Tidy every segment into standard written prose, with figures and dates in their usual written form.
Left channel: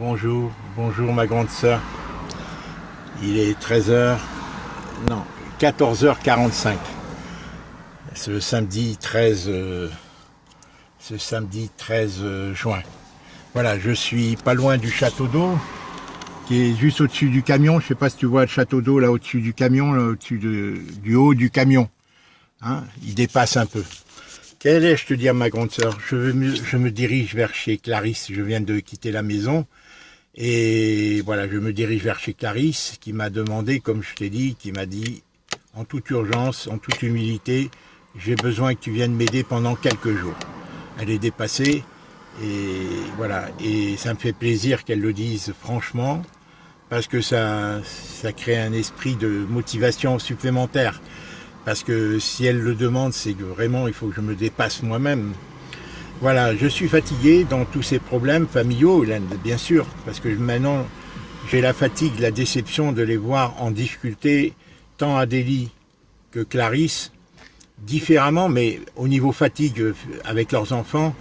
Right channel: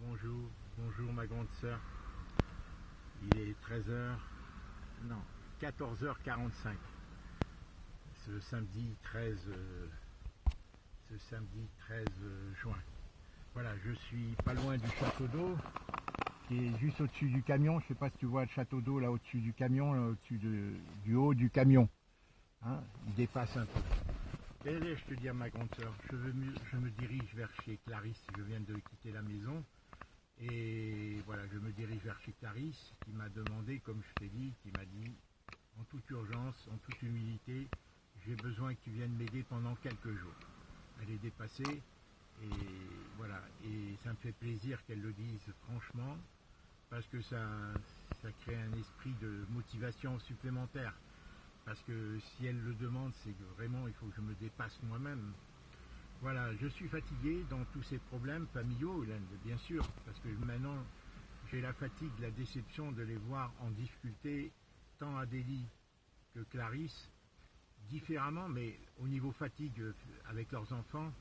Bonjour, bonjour ma grande sœur. Il est 13 h, non, 14 h 45. Ce samedi 13, juin. Voilà, je suis pas loin du château d'eau, qui est juste au-dessus du camion. Je sais pas si tu vois le château d'eau là au-dessus du camion, là, du haut du camion. Hein, il dépasse un peu. Quel est, je te dis à ma grande sœur, je me dirige vers chez Clarisse. Je viens de quitter la maison. Et voilà, je me dirige vers chez Clarisse, qui m'a demandé, comme je t'ai dit, qui m'a dit, en toute urgence, en toute humilité, j'ai besoin que tu viennes m'aider pendant quelques jours. Elle est dépassée, et voilà, et ça me fait plaisir qu'elle le dise franchement, parce que ça crée un esprit de motivation supplémentaire. Parce que si elle le demande, c'est que vraiment, il faut que je me dépasse moi-même. Voilà, je suis fatigué dans tous ces problèmes familiaux, bien sûr, parce que maintenant j'ai la fatigue, la déception de les voir en difficulté, tant Adélie que Clarisse, différemment, mais au niveau fatigue avec leurs enfants,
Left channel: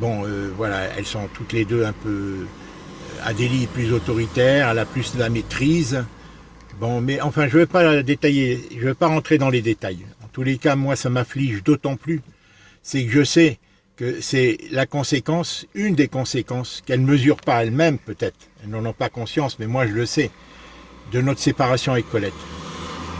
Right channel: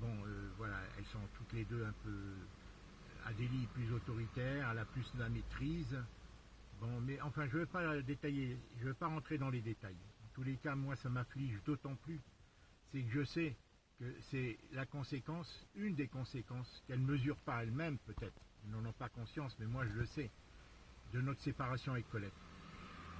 bon, voilà, elles sont toutes les deux un peu. Adélie est plus autoritaire, elle a plus de la maîtrise. Bon, mais enfin, je ne vais pas détailler, je ne vais pas rentrer dans les détails. En tous les cas, moi, ça m'afflige d'autant plus, c'est que je sais que c'est la conséquence, une des conséquences, qu'elles ne mesurent pas elles-mêmes peut-être, elles n'en ont pas conscience, mais moi je le sais, de notre séparation avec Colette.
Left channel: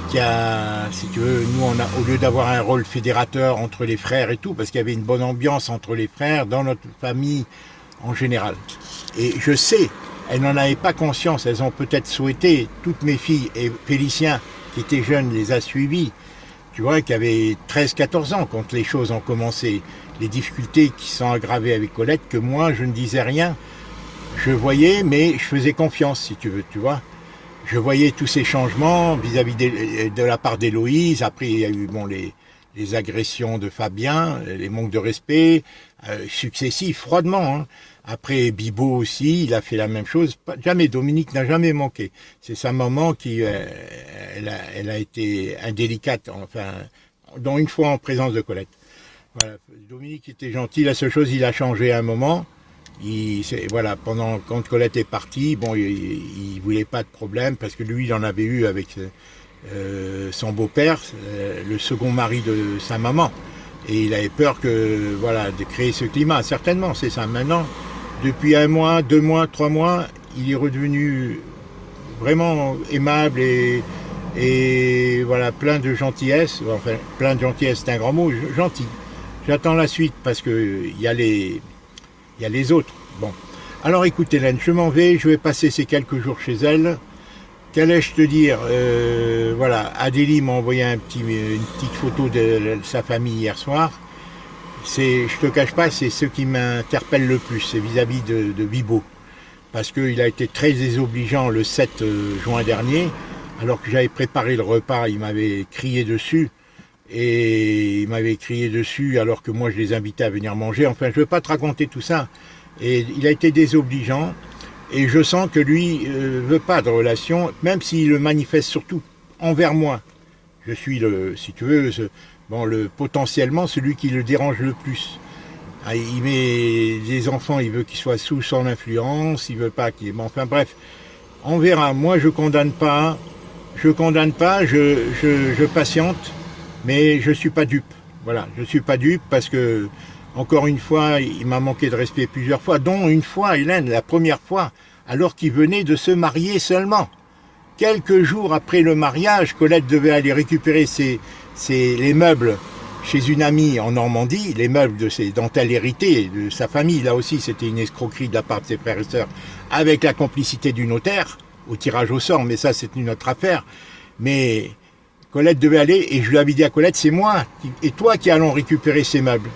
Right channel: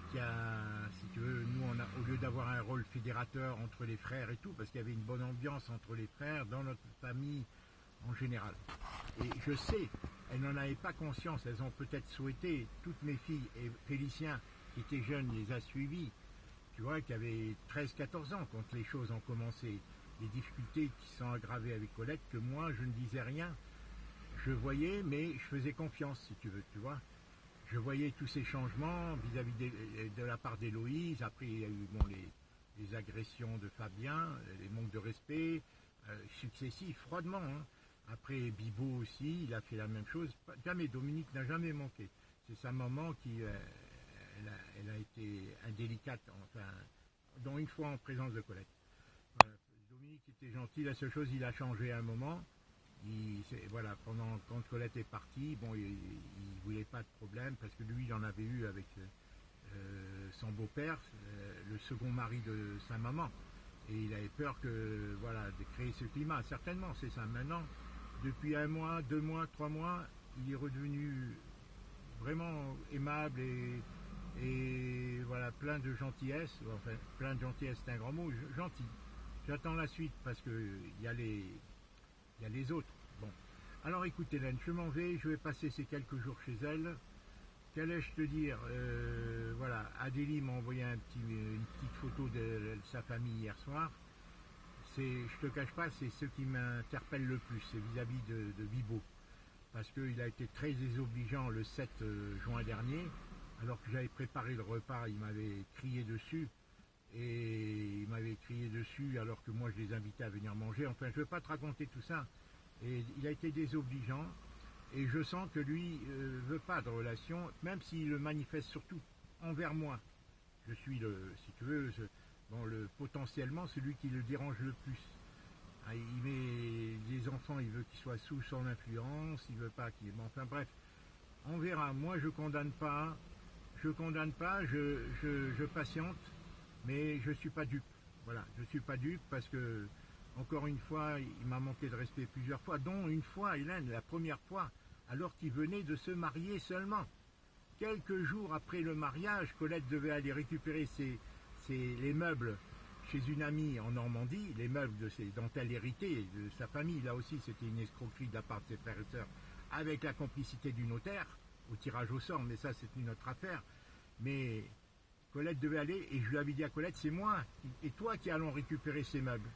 Qui a, si tu veux, nous on a, au lieu d'avoir un rôle fédérateur entre les frères et tout, parce qu'il y avait une bonne ambiance entre les frères, dans notre famille en général. Et je sais, elles n'en avaient pas conscience, elles ont peut-être souhaité, toutes mes filles, et Félicien, qui était jeune, les a suivies, tu vois, qui avait 13-14 ans quand les choses ont commencé, les difficultés qui sont aggravées avec Colette, que moi je ne disais rien, je voyais, mais je faisais confiance, si tu veux, tu vois. Je voyais tous ces changements vis-à-vis de la part d'Héloïse. Après, il y a eu bon, les agressions de Fabien, les manques de respect, successifs, froidement. Hein. Après, Bibo aussi, il a fait la même chose. Jamais, Dominique n'a jamais manqué. C'est sa maman qui, elle a été indélicate, enfin, dont une fois en présence de Colette. Voilà. Dominique était gentil, la seule chose, il a changé à un moment. Voilà, quand Colette est partie, bon, il voulait pas de problème parce que lui, il en avait eu avec son beau-père, le second mari de sa maman. Et il avait peur que, voilà, de créer ce climat. Certainement, c'est ça. Maintenant, depuis 1 mois, 2 mois, 3 mois, il est redevenu vraiment aimable et voilà, plein de gentillesse. Enfin, plein de gentillesse, c'est un grand mot, gentil. J'attends la suite parce que il y a les autres. Bon. Alors écoute Hélène, je m'en vais, je vais passer ces quelques jours chez elle. Qu'allais-je te dire voilà, Adélie m'a envoyé une petite photo de sa famille hier soir. Je te cache pas, c'est ce qui m'interpelle le plus, c'est vis-à-vis de Bibo. Parce qu'il a été très désobligeant le 7 juin dernier, alors que j'avais préparé le repas, il m'avait crié dessus. Et il m'avait crié dessus alors que moi je les invitais à venir manger. Enfin, je ne veux pas te raconter tout ça. Et il a été désobligeant. Et je sens que lui ne veut pas de relation, même s'il le manifeste surtout envers moi. Je suis, si tu veux, potentiellement celui qui le dérange le plus. Ah, il met les enfants, il veut qu'ils soient sous son influence, il veut pas qu'ils... Bon, enfin bref, on verra. Moi, je condamne pas, je patiente. Mais je ne suis pas dupe. Voilà, je ne suis pas dupe parce que, encore une fois, il m'a manqué de respect plusieurs fois, dont une fois, Hélène, la première fois, alors qu'il venait de se marier seulement. Quelques jours après le mariage, Colette devait aller récupérer les meubles chez une amie en Normandie, les meubles dont elle héritait, de sa famille. Là aussi, c'était une escroquerie de la part de ses frères et sœurs, avec la complicité du notaire, au tirage au sort, mais ça, c'est une autre affaire. Mais Colette devait aller, et je lui avais dit à Colette, c'est moi et toi qui allons récupérer ces meubles.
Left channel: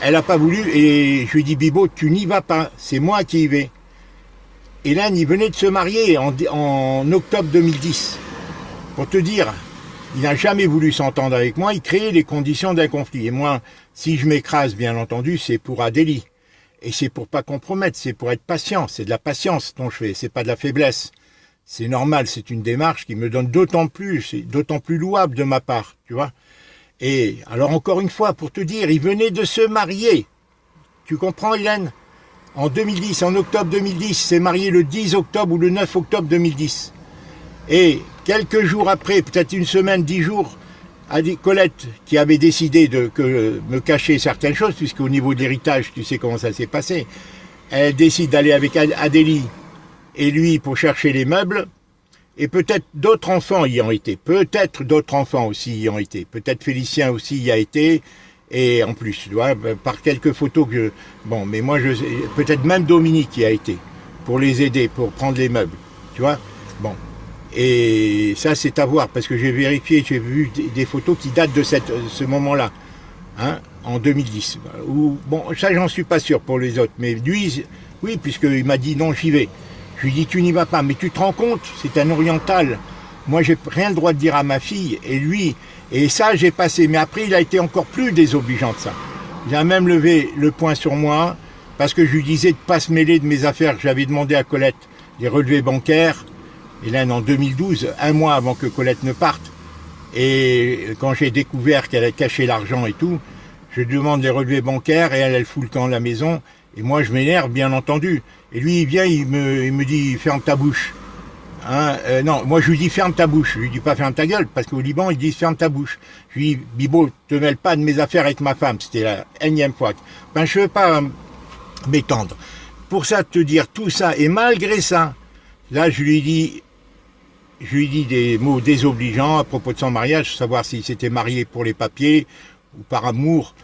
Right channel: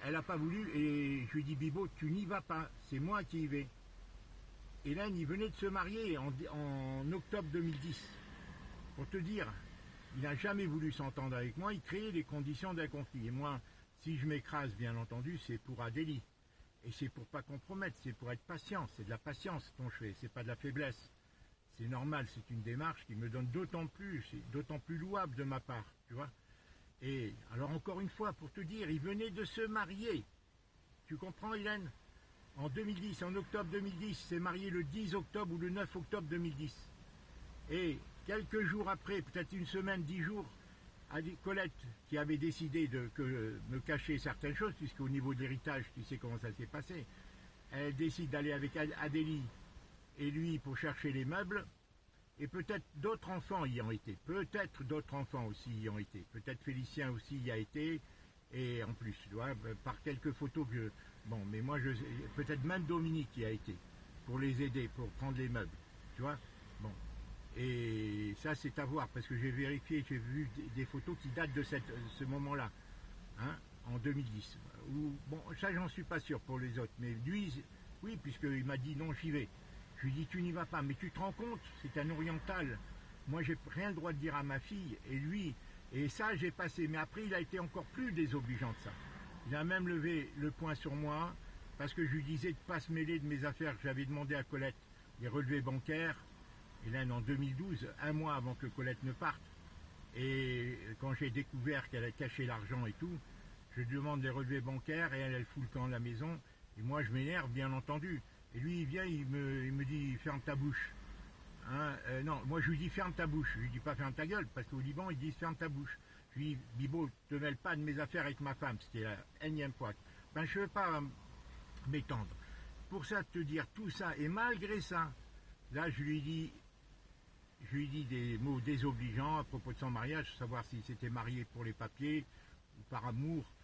Elle n'a pas voulu, et je lui ai dit, Bibo, tu n'y vas pas, c'est moi qui y vais. Hélène, il venait de se marier en octobre 2010. Pour te dire, il n'a jamais voulu s'entendre avec moi, il créait les conditions d'un conflit. Et moi, si je m'écrase, bien entendu, c'est pour Adélie. Et c'est pour pas compromettre, c'est pour être patient, c'est de la patience dont je fais, c'est pas de la faiblesse. C'est normal, c'est une démarche qui me donne d'autant plus, c'est d'autant plus louable de ma part, tu vois. Et alors encore une fois, pour te dire, il venait de se marier. Tu comprends, Hélène? En 2010, en octobre 2010, s'est marié le 10 octobre ou le 9 octobre 2010. Et quelques jours après, peut-être une semaine, 10 jours, Colette, qui avait décidé de me cacher certaines choses, puisqu'au niveau de l'héritage, tu sais comment ça s'est passé, elle décide d'aller avec Adélie et lui pour chercher les meubles, et peut-être d'autres enfants y ont été, peut-être d'autres enfants aussi y ont été, peut-être Félicien aussi y a été, et en plus, tu vois, par quelques photos que je... Bon, mais moi, peut-être même Dominique y a été, pour les aider, pour prendre les meubles, tu vois. Bon, et ça, c'est à voir, parce que j'ai vérifié, j'ai vu des photos qui datent de ce moment-là, hein, en 2010. Ou, bon, ça, j'en suis pas sûr pour les autres, mais lui, oui, puisqu'il m'a dit non, j'y vais. Je lui dis, tu n'y vas pas, mais tu te rends compte, c'est un oriental. Moi, j'ai rien le droit de dire à ma fille, et lui, et ça, j'ai passé. Mais après, il a été encore plus désobligeant de ça. Il a même levé le poing sur moi, parce que je lui disais de ne pas se mêler de mes affaires. J'avais demandé à Colette des relevés bancaires, et là, en 2012, un mois avant que Colette ne parte. Et quand j'ai découvert qu'elle a caché l'argent et tout, je demande les relevés bancaires, et elle fout le camp de la maison. Et moi, je m'énerve, bien entendu. Et lui, il vient, il me dit, ferme ta bouche. Hein, non, moi, je lui dis, ferme ta bouche. Je lui dis pas, ferme ta gueule, parce qu'au Liban, ils disent, ferme ta bouche. Je lui dis, Bibo, te mêle pas de mes affaires avec ma femme. C'était la énième fois. Ben, je veux pas m'étendre. Pour ça, te dire tout ça, et malgré ça, là, je lui dis des mots désobligeants à propos de son mariage, savoir s'il s'était marié pour les papiers ou par amour.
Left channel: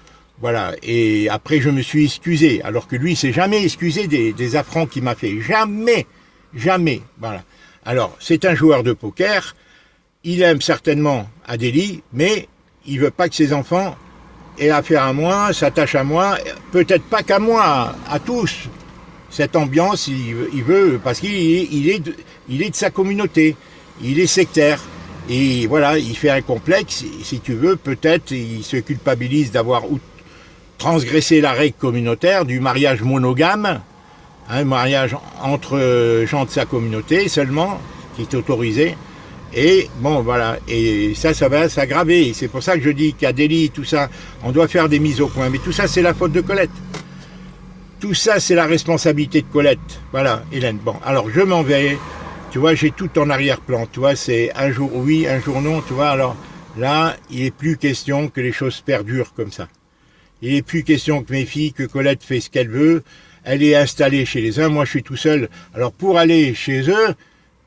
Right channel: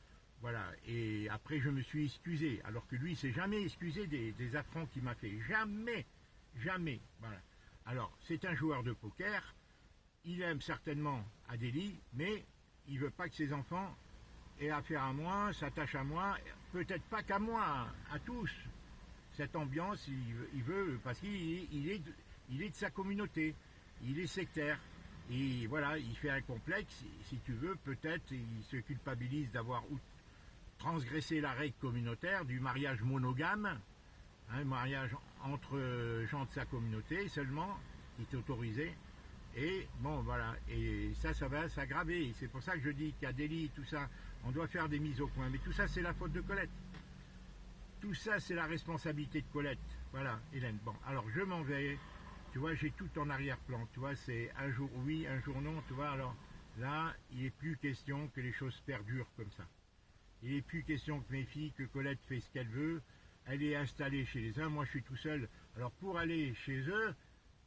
Voilà, et après je me suis excusé, alors que lui il s'est jamais excusé des affronts qu'il m'a fait, jamais, jamais, voilà. Alors, c'est un joueur de poker, il aime certainement Adélie, mais il veut pas que ses enfants aient affaire à moi, s'attachent à moi, peut-être pas qu'à moi, à tous. Cette ambiance, il veut, parce qu'il est de sa communauté, il est sectaire. Et voilà, il fait un complexe, si tu veux, peut-être il se culpabilise d'avoir transgressé la règle communautaire du mariage monogame, un mariage entre gens de sa communauté seulement, qui est autorisé. Et bon, voilà, et ça va s'aggraver. C'est pour ça que je dis qu'Adélie, tout ça, on doit faire des mises au point. Mais tout ça, c'est la faute de Colette. Tout ça, c'est la responsabilité de Colette. Voilà, Hélène. Bon, alors je m'en vais. Tu vois, j'ai tout en arrière-plan. Tu vois, c'est un jour oui, un jour non. Tu vois, alors là, il n'est plus question que les choses perdurent comme ça. Il n'est plus question que mes filles, que Colette fait ce qu'elle veut. Elle est installée chez les uns. Moi, je suis tout seul. Alors, pour aller chez eux,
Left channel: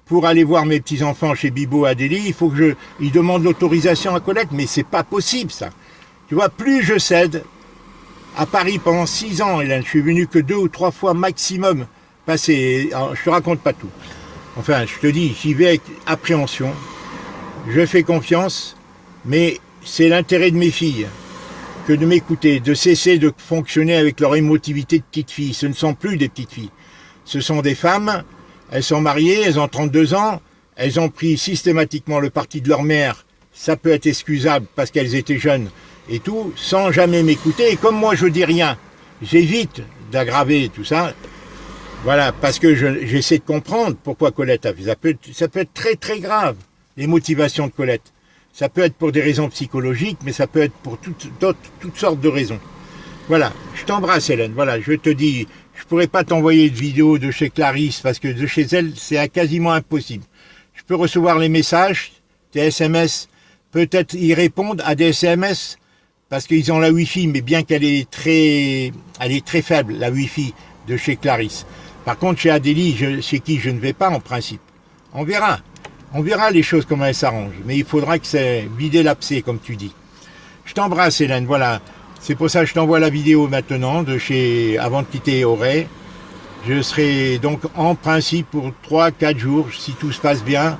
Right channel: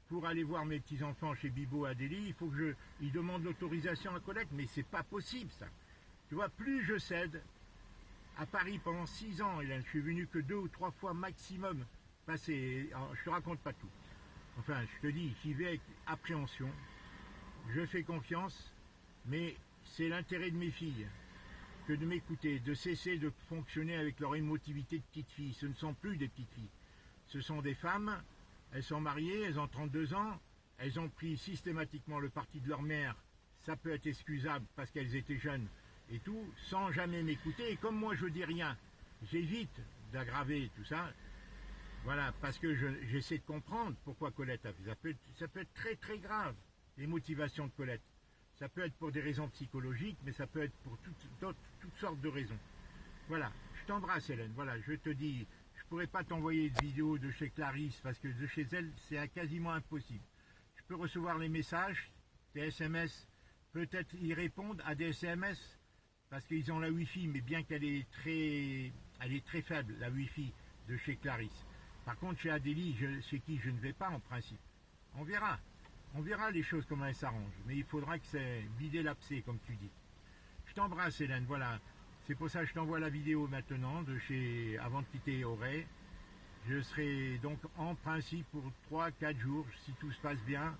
pour aller voir mes petits-enfants chez Bibo et Adélie, il faut que ils demandent l'autorisation à Colette. Mais c'est pas possible, ça. Tu vois, plus je cède, à Paris pendant 6 ans, Hélène, je suis venu que 2 ou 3 fois maximum passer. Alors, je te raconte pas tout. Enfin, je te dis, j'y vais avec appréhension. Je fais confiance, mais c'est l'intérêt de mes filles que de m'écouter, de cesser de fonctionner avec leur émotivité de petite fille. Ce ne sont plus des petites filles. Ce sont des femmes, elles sont mariées, elles ont 32 ans, elles ont pris systématiquement le parti de leur mère. Ça peut être excusable parce qu'elles étaient jeunes et tout, sans jamais m'écouter. Et comme moi, je dis rien, j'évite d'aggraver tout ça. Voilà, parce que j'essaie de comprendre pourquoi Colette a fait. Ça peut être très très grave, les motivations de Colette. Ça peut être pour des raisons psychologiques, mais ça peut être pour toutes sortes de raisons. Voilà, je t'embrasse Hélène. Voilà, je te dis, je ne pourrais pas t'envoyer de vidéo de chez Clarisse, parce que de chez elle, c'est quasiment impossible. Je peux recevoir les messages, des SMS, peut-être y répondre à des SMS, parce qu'ils ont la Wi-Fi, mais bien qu'elle est très faible, la Wi-Fi de chez Clarisse. Par contre, chez Adélie, chez qui je ne vais pas en principe. On verra. On verra les choses comment elles s'arrangent. Mais il faudra que c'est vider l'abcès, comme tu dis. Je t'embrasse, Hélène. Voilà. C'est pour ça que je t'envoie la vidéo maintenant, avant de quitter Auray. Je serai donc en principe pour 3-4 jours, si tout se passe bien.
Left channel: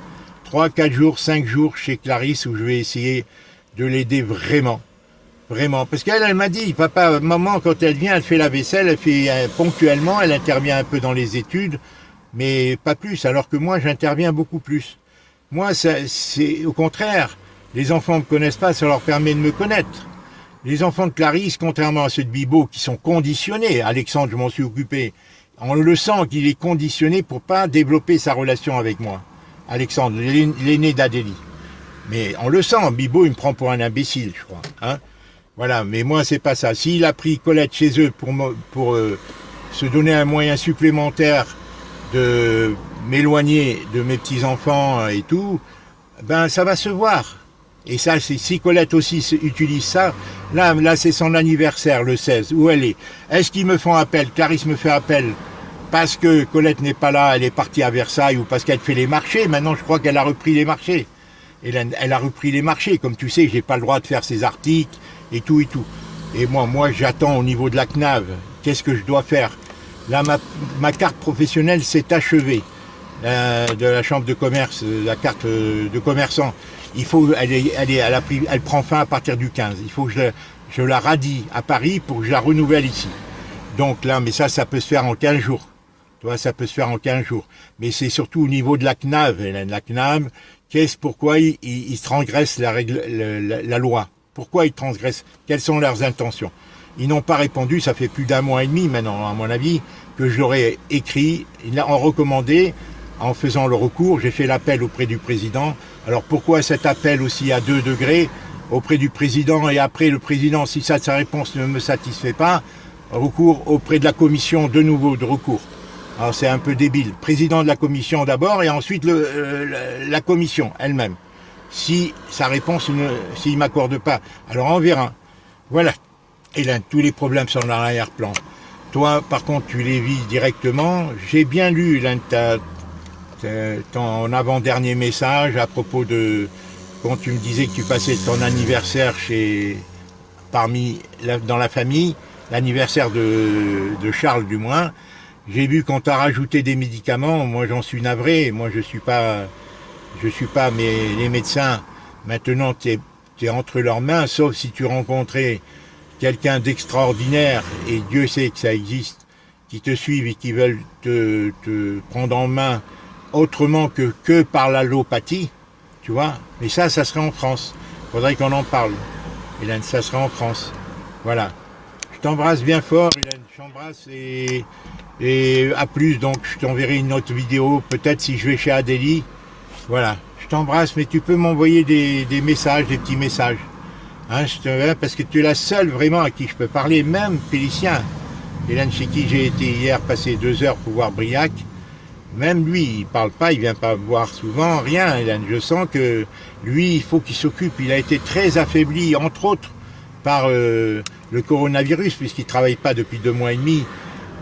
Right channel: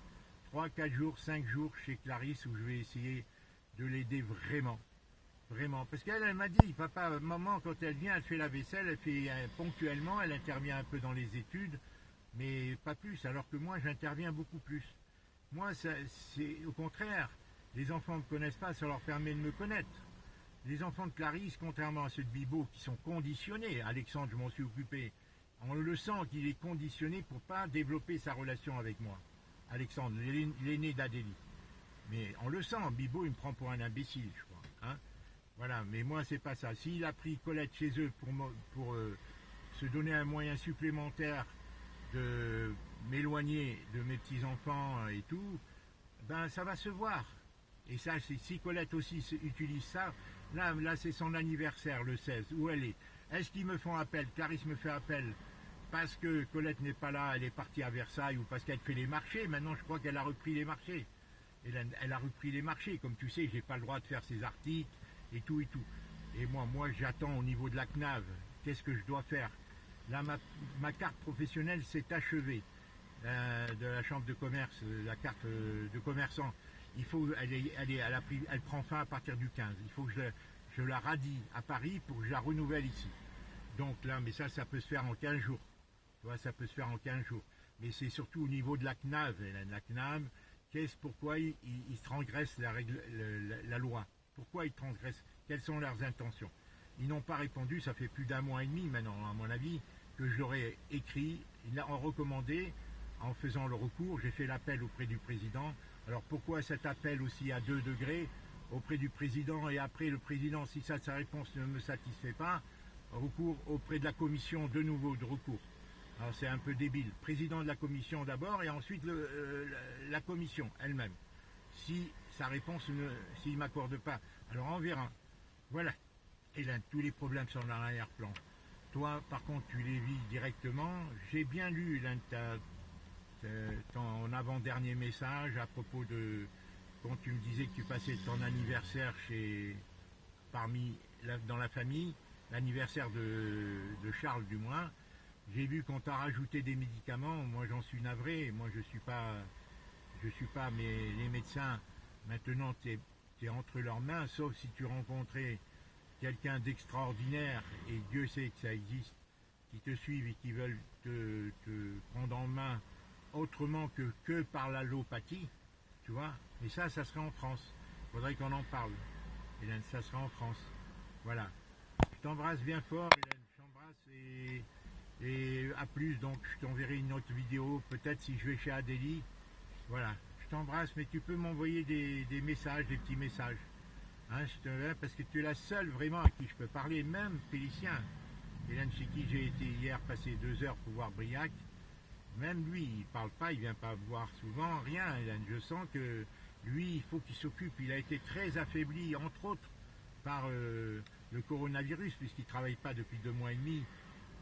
3-4 jours, 5 jours chez Clarisse, où je vais essayer de l'aider vraiment. Vraiment. Parce qu'elle, elle m'a dit, papa, maman, quand elle vient, elle fait la vaisselle, elle fait ponctuellement, elle intervient un peu dans les études, mais pas plus, alors que moi, j'interviens beaucoup plus. Moi, c'est au contraire, les enfants ne me connaissent pas, ça leur permet de me connaître. Les enfants de Clarisse, contrairement à ceux de Bibo, qui sont conditionnés, Alexandre, je m'en suis occupé, on le sent qu'il est conditionné pour pas développer sa relation avec moi. Alexandre, l'aîné d'Adélie. Mais on le sent, Bibo, il me prend pour un imbécile, je crois. Hein, voilà, mais moi, c'est pas ça. S'il a pris Colette chez eux pour se donner un moyen supplémentaire de m'éloigner de mes petits-enfants et tout, ben ça va se voir. Et ça, si Colette aussi utilise ça, là c'est son anniversaire le 16, où elle est. Est-ce qu'ils me font appel, Clarisse me fait appel, parce que Colette n'est pas là, elle est partie à Versailles, ou parce qu'elle fait les marchés? Maintenant je crois qu'elle a repris les marchés. Elle a repris les marchés, comme tu sais, j'ai pas le droit de faire ces articles, et tout et tout. Et moi j'attends au niveau de la CNAV, qu'est-ce que je dois faire? Là, ma carte professionnelle s'est achevée, de la chambre de commerce, la carte de commerçant. Il faut, elle prend fin à partir du 15. Il faut que je la radie à Paris pour que je la renouvelle ici. Donc là, mais ça peut se faire en 15 jours. Tu vois, ça peut se faire en 15 jours. Mais c'est surtout au niveau de la CNAV. La CNAV, pourquoi ils transgressent la loi? Pourquoi ils transgressent? Quelles sont leurs intentions? Ils n'ont pas répondu, ça fait plus d'1 mois et demi maintenant, à mon avis, que je leur ai écrit, en recommandé, en faisant le recours, j'ai fait l'appel auprès du président. Alors pourquoi cet appel aussi à 2 degrés auprès du président, et après le président, si sa réponse ne me satisfait pas, recours auprès de la commission de nouveau de recours. Alors c'est un peu débile. Président de la commission d'abord et ensuite la commission elle-même. Si sa réponse, s'il ne m'accorde pas, alors on verra. Voilà. Et là, tous les problèmes sont dans l'arrière-plan. Toi, par contre, tu les vis directement. J'ai bien lu ton avant-dernier message à propos de quand tu me disais que tu passais ton anniversaire dans la famille, l'anniversaire de Charles du moins. J'ai vu qu'on t'a rajouté des médicaments. Moi, j'en suis navré. Moi, je suis pas, mais les médecins, maintenant, tu es entre leurs mains, sauf si tu rencontrais quelqu'un d'extraordinaire, et Dieu sait que ça existe, qui te suivent et qui veulent te prendre en main autrement que par l'allopathie, tu vois. Mais ça serait en France. Il faudrait qu'on en parle. Hélène, ça serait en France. Voilà. Je t'embrasse bien fort, Hélène. Je t'embrasse et à plus. Donc, je t'enverrai une autre vidéo, peut-être si je vais chez Adélie. Voilà. Je t'embrasse, mais tu peux m'envoyer des messages, des petits messages. Hein, parce que tu es la seule vraiment à qui je peux parler, même Félicien. Hélène, chez qui j'ai été hier passer 2 heures pour voir Briac, même lui, il parle pas, il vient pas voir souvent, rien, Hélène. Je sens que lui, il faut qu'il s'occupe. Il a été très affaibli, entre autres, par le coronavirus, puisqu'il travaille pas depuis 2 mois et demi.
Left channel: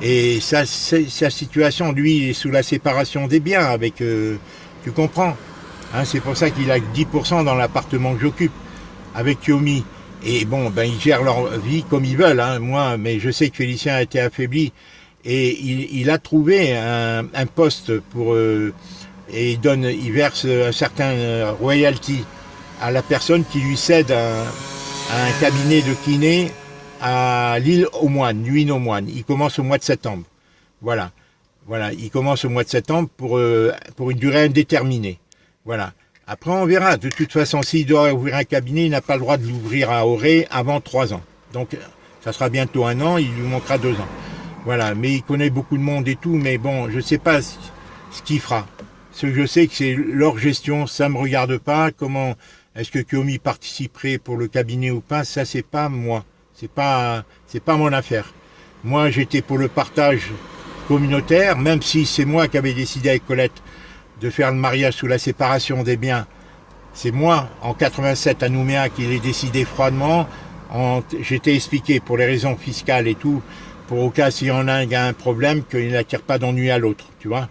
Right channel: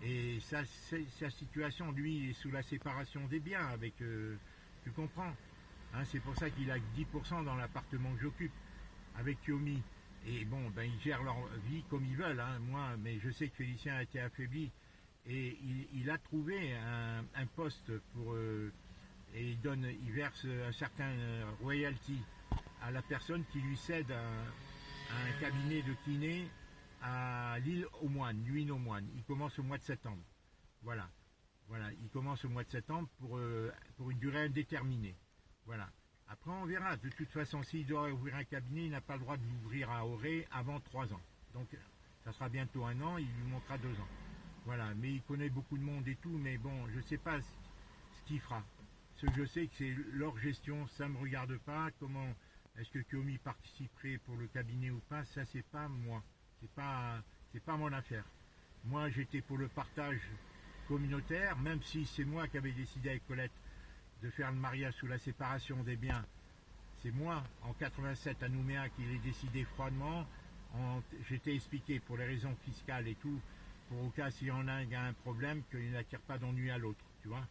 Et sa situation, lui, il est sous la séparation des biens, avec, tu comprends, hein, c'est pour ça qu'il a 10% dans l'appartement que j'occupe, avec Yomi. Et bon, ben ils gèrent leur vie comme ils veulent, hein, moi, mais je sais que Félicien a été affaibli. Et il a trouvé un poste pour et il verse un certain royalty à la personne qui lui cède un cabinet de kiné à l'île aux Moines, Luynes aux Moines. Il commence au mois de septembre. Voilà, il commence au mois de septembre pour une durée indéterminée. Voilà. Après, on verra. De toute façon, s'il doit ouvrir un cabinet, il n'a pas le droit de l'ouvrir à Auray avant 3 ans. Donc, ça sera bientôt 1 an, il lui manquera 2 ans. Voilà, mais il connaît beaucoup de monde et tout, mais bon, je ne sais pas ce qu'il fera. Ce que je sais, que c'est leur gestion, ça ne me regarde pas. Comment est-ce que Kiomi participerait pour le cabinet ou pas, ça, c'est pas moi. C'est pas mon affaire. Moi, j'étais pour le partage communautaire, même si c'est moi qui avais décidé avec Colette de faire le mariage sous la séparation des biens. C'est moi, en 87 à Nouméa, qui l'ai décidé froidement. J'étais expliqué pour les raisons fiscales et tout, pour au cas s'il y en a un qui a un problème, qu'il n'attire pas d'ennui à l'autre, tu vois.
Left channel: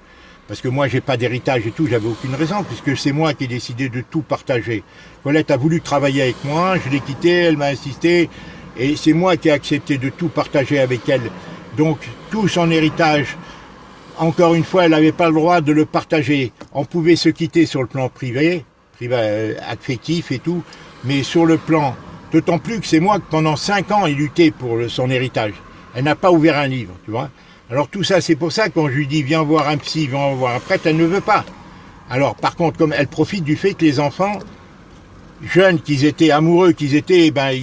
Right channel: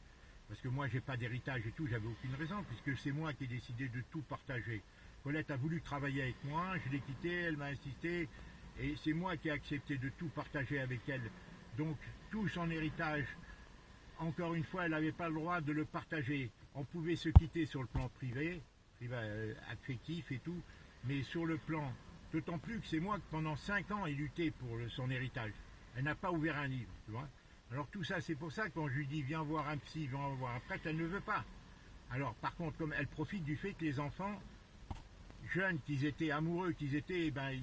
Parce que moi, j'ai pas d'héritage et tout, j'avais aucune raison, puisque c'est moi qui ai décidé de tout partager. Colette a voulu travailler avec moi, je l'ai quittée, elle m'a insisté, et c'est moi qui ai accepté de tout partager avec elle. Donc, tout son héritage, encore une fois, elle n'avait pas le droit de le partager. On pouvait se quitter sur le plan privé, affectif et tout, mais sur le plan, d'autant plus que c'est moi que pendant 5 ans, ai lutté pour son héritage. Elle n'a pas ouvert un livre, tu vois. Alors tout ça, c'est pour ça que quand je lui dis viens voir un psy, viens voir un prêtre, elle ne veut pas. Alors par contre, comme elle profite du fait que les enfants, jeunes qu'ils étaient, amoureux qu'ils étaient, ben,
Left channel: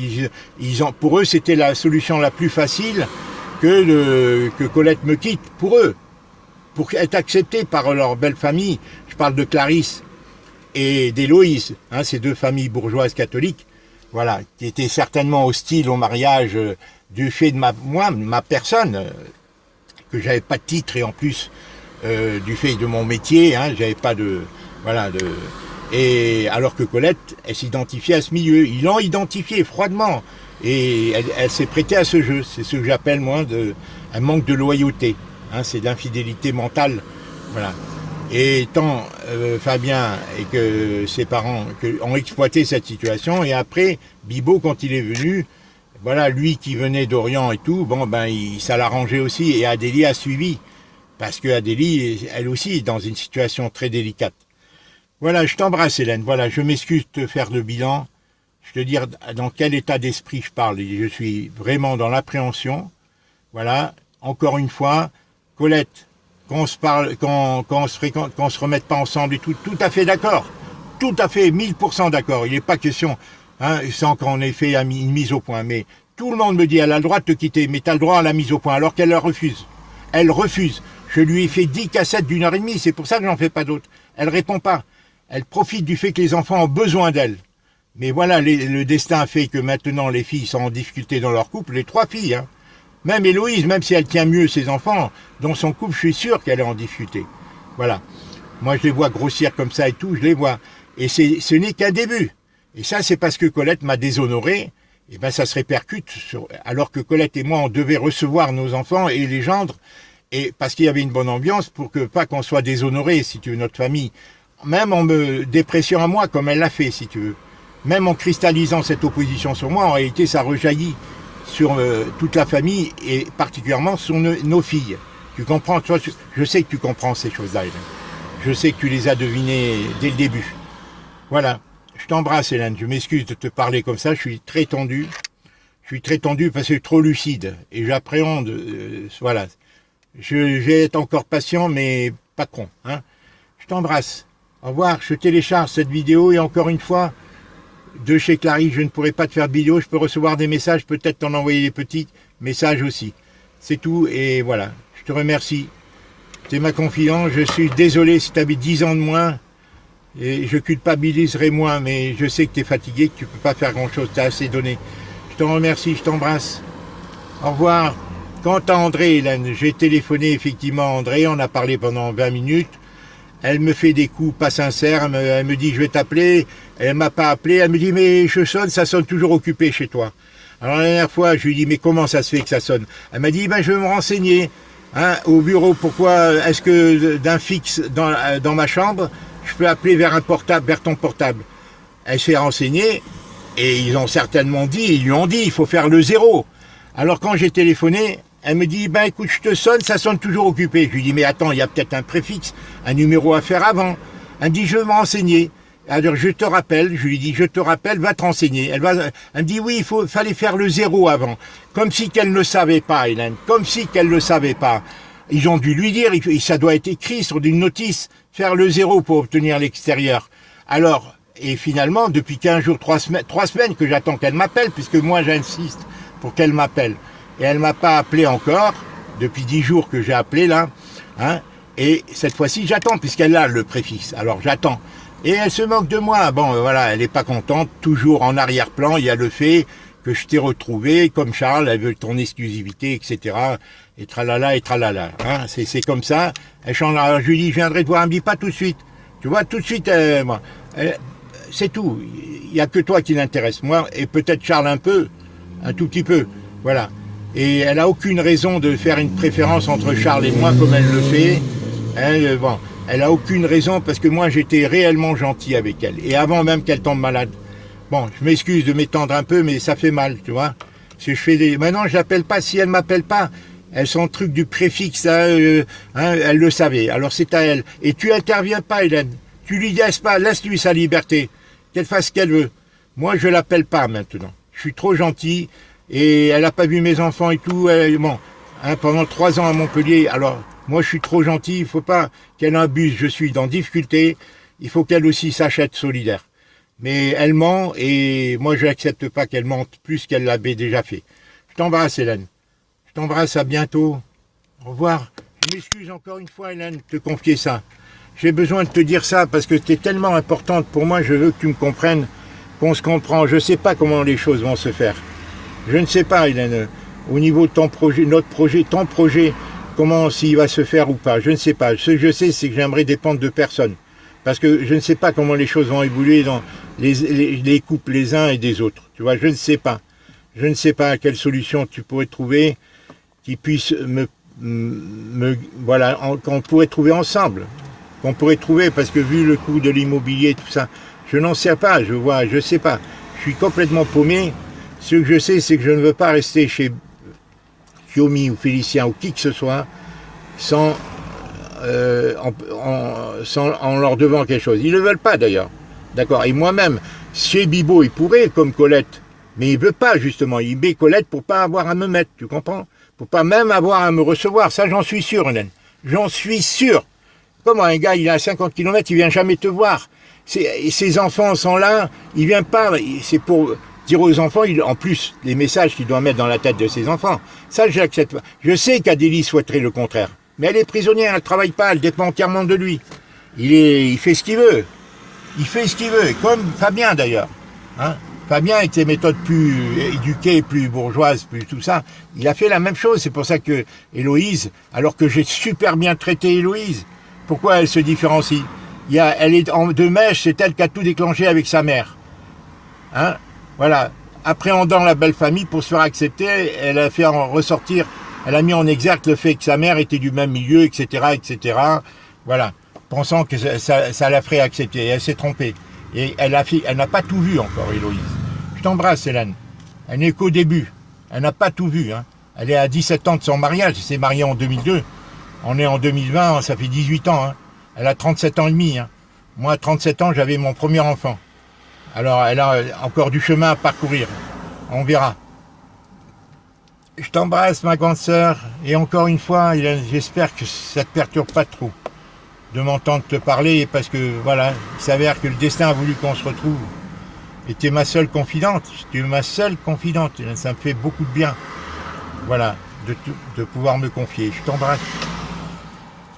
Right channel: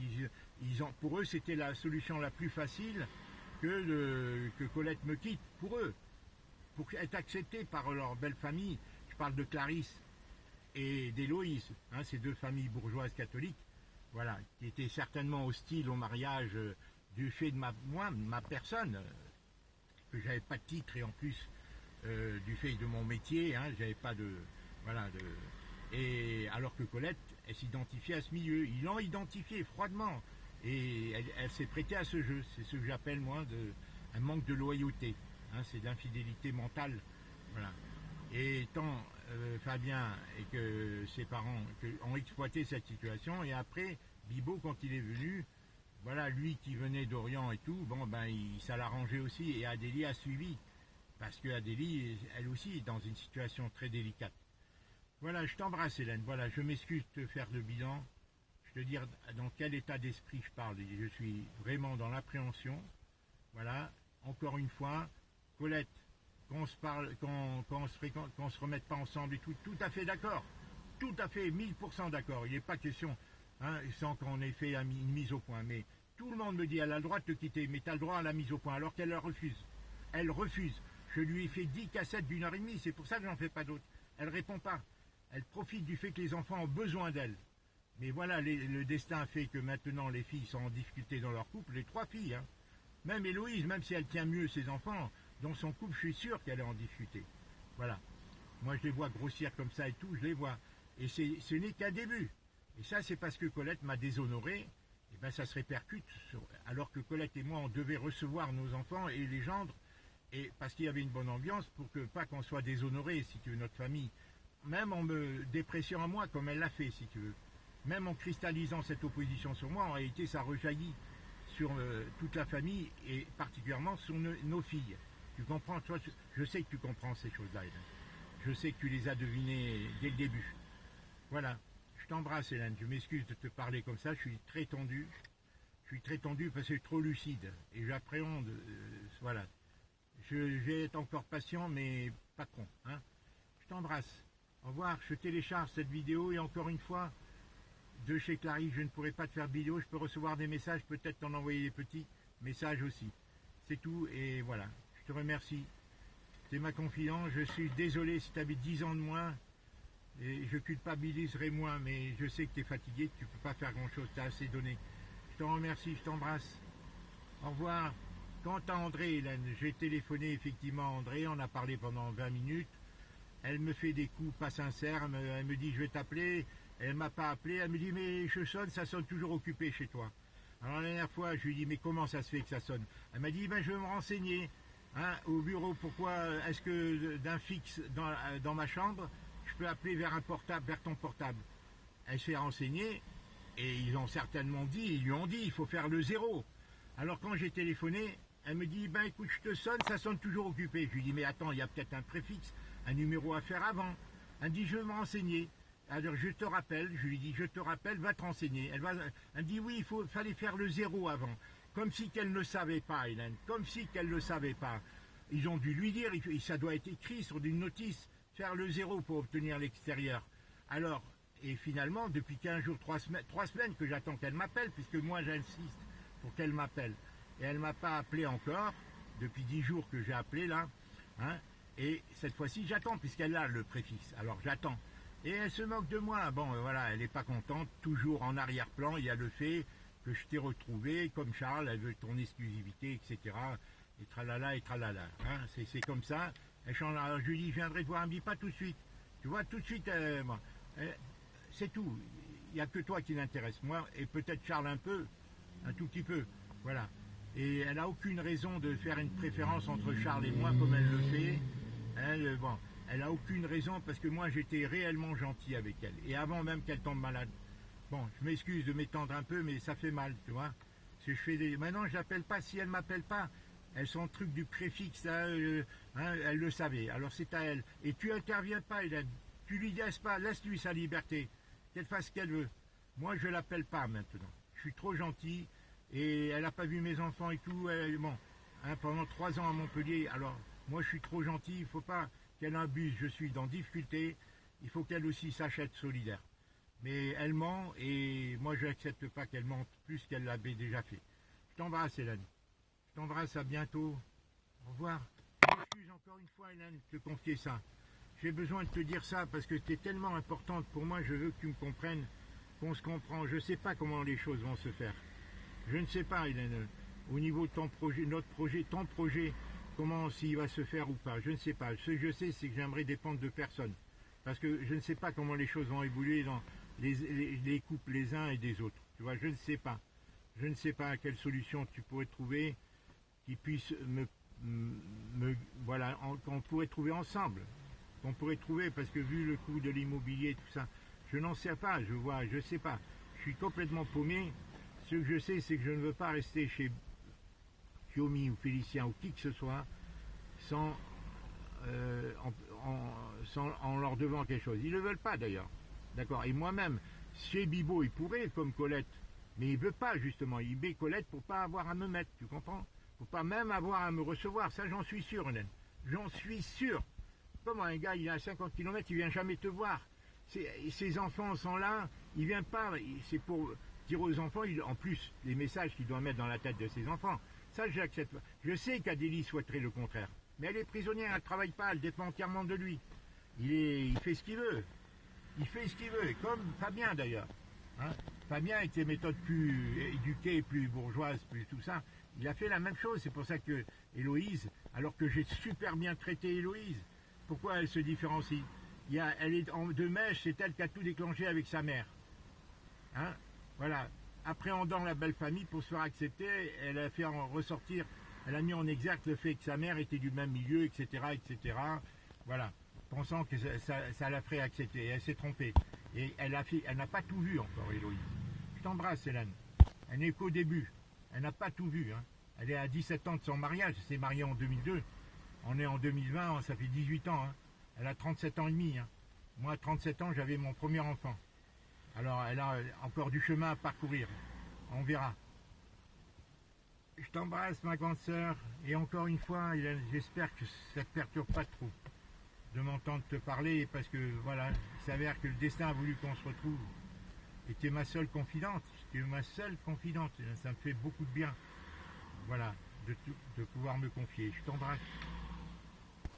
pour eux c'était la solution la plus facile que Colette me quitte, pour eux. Pour être acceptés par leur belle famille, je parle de Clarisse et d'Héloïse, hein, ces 2 familles bourgeoises catholiques, voilà, qui étaient certainement hostiles au mariage du fait de ma personne, que j'avais pas de titre et en plus du fait de mon métier, hein, j'avais pas de voilà de et alors que Colette, elle s'identifiait à ce milieu. Ils l'ont identifié froidement et elle s'est prêtée à ce jeu. C'est ce que j'appelle moi un manque de loyauté. Hein, c'est de l'infidélité mentale, voilà. Et tant Fabien et que ses parents ont exploité cette situation, et après Bibo quand il est venu, voilà, lui qui venait d'Orient et tout, bon ben ça l'arrangeait aussi, et Adélie a suivi parce que Adélie, elle aussi, est dans une situation très délicate. Voilà, je t'embrasse Hélène. Voilà, je m'excuse de te faire le bilan. Je te dire dans quel état d'esprit je parle. Je suis vraiment dans l'appréhension. Voilà, encore une fois, Colette. Qu'on se parle, qu'on se fréquente, qu'on se remette pas ensemble et tout à fait d'accord. Tout à fait, 1000% d'accord. Il n'est pas question, hein, sans qu'on ait fait une mise au point. Mais tout le monde me dit, elle a le droit de te quitter, mais tu as le droit à la mise au point, alors qu'elle la refuse. Elle refuse. Je lui ai fait 10 cassettes d'1h30, c'est pour ça que j'en fais pas d'autres. Elle répond pas. Elle profite du fait que les enfants ont besoin d'elle. Mais voilà, le destin a fait que maintenant les filles sont en difficulté dans leur couple, les 3 filles, hein. Même Héloïse, même si elle tient mieux ses enfants, dans son couple, je suis sûr qu'elle est en difficulté. Voilà. Moi, je les vois grossir comme ça et tout, je les vois. Et ce n'est qu'un début. Et ça, c'est parce que Colette m'a déshonoré. Et ben, ça se répercute. Alors que Colette et moi, on devait recevoir nos enfants et les gendres. Et parce qu'il y avait une bonne ambiance pour que pas qu'on soit déshonoré, si tu veux, notre famille. Même en me dépréciant à moi, comme elle l'a fait, si tu veux. Même en cristallisant cette opposition sur moi, en réalité, ça rejaillit sur toute la famille et particulièrement sur nos filles. Tu comprends, toi, je sais que tu comprends ces choses-là, Hélène. Je sais que tu les as devinées dès le début. Voilà, je t'embrasse Hélène, je m'excuse de te parler comme ça, je suis très tendu. Je suis très tendu parce que je suis trop lucide et j'appréhende, voilà. Je vais être encore patient mais pas con. Hein. Je t'embrasse, au revoir, je télécharge cette vidéo et encore une fois, de chez Clarisse, je ne pourrai pas te faire de vidéo, je peux recevoir des messages, peut-être t'en envoyer des petits messages aussi. C'est tout, et voilà, je te remercie. C'est ma confidence, je suis désolé si tu avais 10 ans de moins, et je culpabiliserai moins, mais je sais que tu es fatigué, que tu ne peux pas faire grand-chose, tu as assez donné. Je te remercie, je t'embrasse. Au revoir. Quant à André, Hélène, j'ai téléphoné effectivement à André, on a parlé pendant 20 minutes. Elle me fait des coups pas sincères, elle me dit je vais t'appeler, elle m'a pas appelé, elle me dit mais je sonne, ça sonne toujours occupé chez toi. Alors la dernière fois je lui dis mais comment ça se fait que ça sonne? Elle m'a dit ben je vais me renseigner hein, au bureau, pourquoi est-ce que d'un fixe dans ma chambre, je peux appeler vers un portable, vers ton portable. Elle s'est renseignée et ils ont certainement dit, ils lui ont dit il faut faire le 0. Alors quand j'ai téléphoné, elle me dit, ben écoute, je te sonne, ça sonne toujours occupé. Je lui dis, mais attends, il y a peut-être un préfixe, un numéro à faire avant. Elle me dit, je vais me renseigner. Alors je te rappelle, je lui dis, je te rappelle, va te renseigner. Elle me dit, oui, fallait faire le 0 avant. Comme si qu'elle ne le savait pas, Hélène, comme si qu'elle ne le savait pas. Ils ont dû lui dire, ça doit être écrit sur une notice, faire le 0 pour obtenir l'extérieur. Alors, et finalement, depuis 15 jours, 3 semaines que j'attends qu'elle m'appelle, puisque moi j'insiste pour qu'elle m'appelle. Et elle ne m'a pas appelé encore, depuis 10 jours que j'ai appelé là, hein, et cette fois-ci j'attends, puisqu'elle a le préfixe, alors j'attends. Et elle se moque de moi, bon voilà, elle n'est pas contente, toujours en arrière-plan, il y a le fait que je t'ai retrouvé, comme Charles, elle veut ton exclusivité, etc. Et tralala, hein, c'est comme ça, elle change, alors je lui dis, je viendrai te voir, elle me dit pas tout de suite, tu vois, tout de suite, c'est tout, il n'y a que toi qui l'intéresse, moi, et peut-être Charles un tout petit peu, voilà. Et elle n'a aucune raison de faire une préférence entre Charles et moi comme elle le fait. Elle n'a aucune raison parce que moi j'étais réellement gentil avec elle. Et avant même qu'elle tombe malade. Bon, je m'excuse de m'étendre un peu, mais ça fait mal, tu vois. Si je fais maintenant je l'appelle pas, si elle ne m'appelle pas, elle son truc du préfixe, elle le savait. Alors c'est à elle. Et tu interviens pas, Hélène. Tu lui laisses pas, laisse-lui sa liberté. Qu'elle fasse ce qu'elle veut. Moi je l'appelle pas maintenant. Je suis trop gentil. Et elle n'a pas vu mes enfants et tout. Bon, hein, pendant 3 ans à Montpellier. Alors, moi, je suis trop gentil. Il ne faut pas qu'elle abuse. Je suis dans difficulté. Il faut qu'elle aussi sache être solidaire. Mais elle ment et moi, je n'accepte pas qu'elle mente plus qu'elle l'avait déjà fait. Je t'embrasse, Hélène. Je t'embrasse. À bientôt. Au revoir. Je m'excuse encore une fois, Hélène, de te confier ça. J'ai besoin de te dire ça parce que tu es tellement importante pour moi. Je veux que tu me comprennes, qu'on se comprend. Je ne sais pas comment les choses vont se faire. Je ne sais pas, Hélène, au niveau de ton projet, notre projet, ton projet, comment s'il va se faire ou pas, je ne sais pas. Ce que je sais, c'est que j'aimerais dépendre de personne. Parce que je ne sais pas comment les choses vont évoluer dans les couples les uns et des autres. Tu vois, je ne sais pas. Je ne sais pas quelle solution tu pourrais trouver qui puisse voilà, qu'on pourrait trouver ensemble. Qu'on pourrait trouver, parce que vu le coût de l'immobilier, tout ça, je n'en sais pas, je sais pas. Je suis complètement paumé. Ce que je sais, c'est que je ne veux pas rester chez Kiomi ou Félicien ou qui que ce soit sans en leur devant quelque chose. Ils ne le veulent pas d'ailleurs. D'accord. Et moi-même, chez Bibo, il pourrait, comme Colette, mais il ne veut pas justement. Il met Colette pour pas avoir à me mettre, tu comprends? Pour pas même avoir à me recevoir. Ça, j'en suis sûr, Hélène. J'en suis sûr. Comment un gars, il est à 50 km, il vient jamais te voir. Ses enfants sont là, il vient pas. C'est pour dire aux enfants, en plus, les messages qu'il doit mettre dans la tête de ses enfants. Ça, je l'accepte pas. Je sais qu'Adélie souhaiterait le contraire. Mais elle est prisonnière, elle ne travaille pas, elle dépend entièrement de lui. Il fait ce qu'il veut. Il fait ce qu'il veut, comme Fabien d'ailleurs. Hein, Fabien, avec ses méthodes plus éduquées, plus bourgeoises, plus tout ça, il a fait la même chose. C'est pour ça que Héloïse, alors que j'ai super bien traité Héloïse, pourquoi elle se différencie? Elle est en deux mèches, c'est elle qui a tout déclenché avec sa mère. Hein, voilà. Appréhendant la belle famille pour se faire accepter, elle a fait en ressortir. Elle a mis en exergue le fait que sa mère était du même milieu, etc., etc. Voilà, pensant que ça la ferait accepter. Et elle s'est trompée. Et elle n'a pas tout vu encore, Héloïse. Je t'embrasse, Hélène. Elle n'est qu'au début. Elle n'a pas tout vu. Hein. Elle est à 17 ans de son mariage. Elle s'est mariée en 2002. On est en 2020, ça fait 18 ans. Hein. Elle a 37 ans et demi. Hein. Moi, à 37 ans, j'avais mon premier enfant. Alors, elle a encore du chemin à parcourir. On verra. Je t'embrasse, ma grande sœur, et encore une fois, j'espère que ça ne te perturbe pas trop de m'entendre te parler, parce que voilà, il s'avère que le destin a voulu qu'on se retrouve. Et tu es ma seule confidente, ça me fait beaucoup de bien, voilà, de pouvoir me confier. Je t'embrasse.